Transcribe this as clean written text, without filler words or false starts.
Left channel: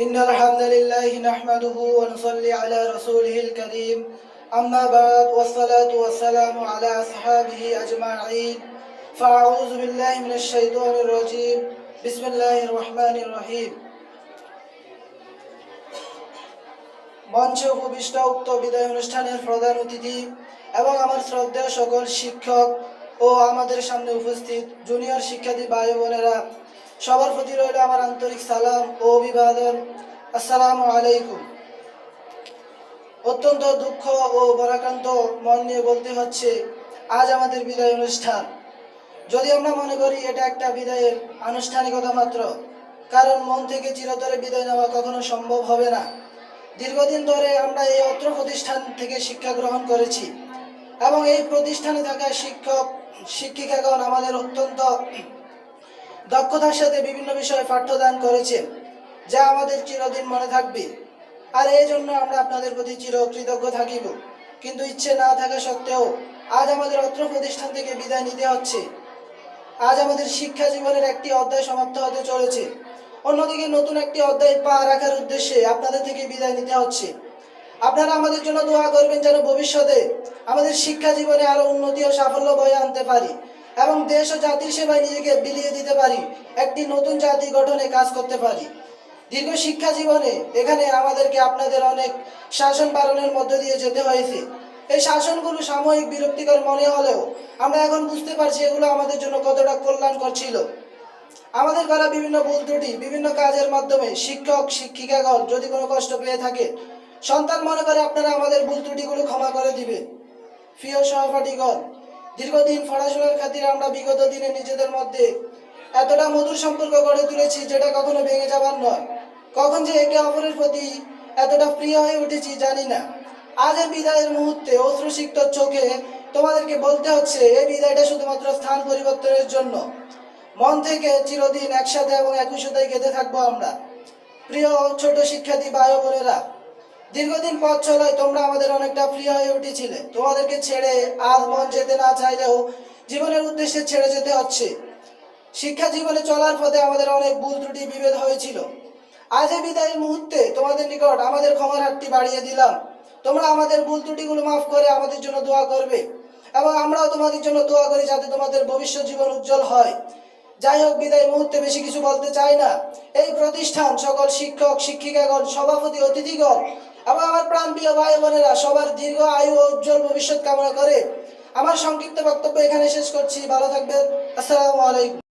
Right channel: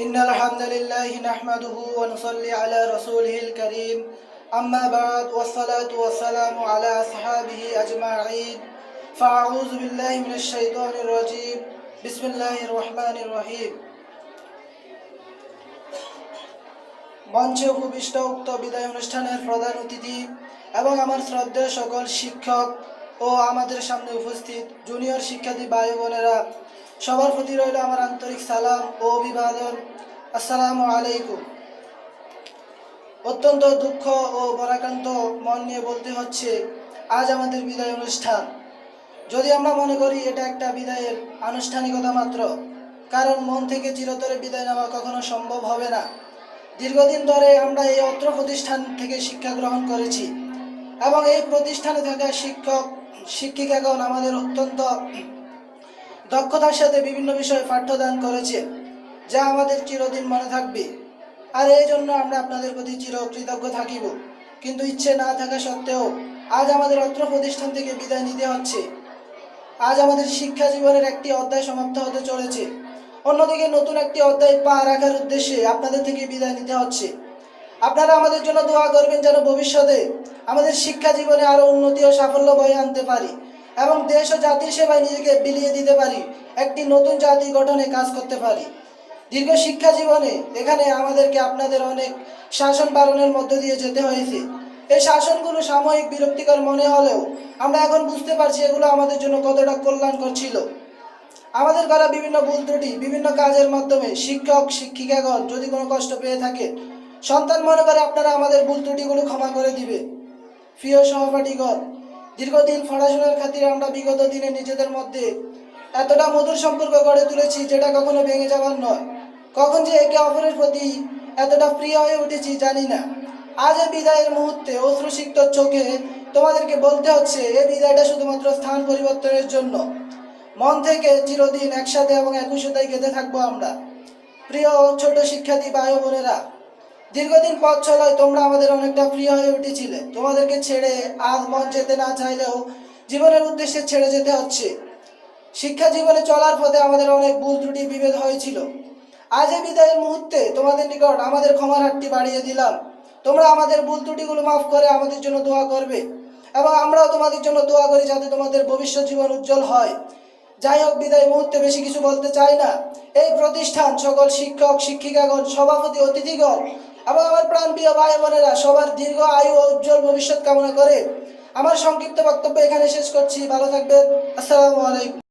إن الحمد لله نحمده ونصلي على رسوله الكريم أما بعد والصلاة والسلام على أصحابه أجمعين فأعوذ بالله من الشيطان الرجيم بسم الله الرحمن الرحيم মঞ্চে উপবিষ্ট উক্ত বিদায় অনুষ্ঠানের প্রধান অতিথি এবং আমার শ্রদ্ধেয় সকল শিক্ষক ও আমাদের সামনে উপস্থিত জুনিয়র শিক্ষার্থী ভাই বোনেরা, সবার প্রতি রইল আমার আন্তরিক সালাম ও অভিবাদন। আসসালামু আলাইকুম। অত্যন্ত দুঃখ ও ভারাক্রান্ত মন নিয়ে বলতে হচ্ছে, আজ আমাদের বিদায় অনুষ্ঠান। যদি আমরা মনে করি এটা একটা বিদায়ের আনুষ্ঠানিকতা মাত্র, কারণ মন থেকে চিরতরে বিদায় নেওয়া কখনো সম্ভব হবে না। দীর্ঘদিন ধরে আমরা এই অত্র প্রতিষ্ঠান থেকে শিক্ষা গ্রহণ করেছি এবং এই প্রতিষ্ঠানে থাকা শিক্ষক শিক্ষিকাগণ আমাদের অত্যন্ত দক্ষতার সাথে বিভিন্ন বিষয়ে পাঠ্যদান করেছেন, যা আমাদের চিরদিন মনে থাকবে। আর এই জন্য আমরা আপনাদের প্রতি চিরকৃতজ্ঞ থাকিব। কিন্তু ইচ্ছে না থাকা সত্ত্বেও আজ আমাদের অত্র প্রতিষ্ঠান থেকে বিদায় নিতে হচ্ছে। আজ আমাদের শিক্ষা জীবনের একটি অধ্যায় সমাপ্ত হতে চলেছে, অন্যদিকে নতুন একটি অধ্যায় পা রাখার উদ্দেশ্যে আপনাদের থেকে বিদায় নিতে হচ্ছে। আপনারা আমাদের জন্য দোয়া করবেন যেন ভবিষ্যতে আমাদের শিক্ষা জীবনে আরো উন্নতি ও সাফল্য বয়ে আনতে পারি এবং দেশ ও জাতির সেবায় নিজেকে বিলিয়ে দিতে পারি, একটি নতুন জাতি গঠনে কাজ করতে পারি। দীর্ঘ শিক্ষা জীবনে এখানে আমাদেরকে আপনাদের অনেক শাসন পালনের মধ্য দিয়ে যেতে হয়েছে। এই শাসনগুলো সাময়িক বিরক্তিকর মনে হলেও আমরা এখন বুঝতে পারছি এগুলো আমাদের জন্য কতটা কল্যাণকর ছিল। আমাদের করা বিভিন্ন ভুল ত্রুটি, বিভিন্ন কাজের মাধ্যমে শিক্ষক শিক্ষিকাগণ যদি কোনো কষ্ট পেয়ে থাকে, সন্তান মনে করে আপনারা আমাদের ভুল ত্রুটিগুলো ক্ষমা করে দিবে। প্রিয় সহপাঠীগণ, দীর্ঘদিন পড়াশোনার খাতিরে আমরা বিগত দিনে নিজেদের মধ্যে এতটা মধুর সম্পর্ক গড়ে তুলেছি যেটা কখনো ভেঙে যাবার নয়। কখন যে একে অপরের প্রতি এতটা প্রিয় হয়ে উঠেছি জানি না। আজ এই বিদায়ের মুহূর্তে অশ্রুসিক্ত চোখে তোমাদেরকে বলতে হচ্ছে, এই বিদায়টা শুধুমাত্র স্থান পরিবর্তনের জন্য। মন থেকে চিরদিন একসাথে এবং একসাথে গেঁথে থাকবো আমরা। প্রিয় ছোট শিক্ষার্থী ভাই বোনেরা, দীর্ঘদিন পথ চলায় তোমরা আমাদের অনেকটা প্রিয় হয়ে উঠেছিলে। তোমাদেরকে ছেড়ে আজ মন যেতে না চাইলেও জীবনের উদ্দেশ্যে ছেড়ে যেতে হচ্ছে। শিক্ষা জীবনে চলার পথে আমাদের অনেক ভুল ত্রুটি বিভেদ হয়েছিল। আজ এই বিদায়ের মুহূর্তে তোমাদের নিকট আমাদের ক্ষমার হাতটি বাড়িয়ে দিলাম। তোমরা আমাদের ভুল ত্রুটিগুলো মাফ করে আমাদের জন্য দোয়া করবে এবং আমরাও তোমাদের জন্য দোয়া করি যাতে তোমাদের ভবিষ্যৎ জীবন উজ্জ্বল হয়। যাই হোক, বিদায় মুহূর্তে বেশি কিছু বলতে চাই না। এই প্রতিষ্ঠান, সকল শিক্ষক শিক্ষিকাগণ, সভাপতি অতিথিগণ এবং আমার প্রাণপ্রিয় ভাই বোনেরা, সবার দীর্ঘ আয়ু ও উজ্জ্বল ভবিষ্যৎ কামনা করে আমার সংক্ষিপ্ত বক্তব্য এখানে শেষ করছি। ভালো থাকবেন। আসসালামু আলাইকুম।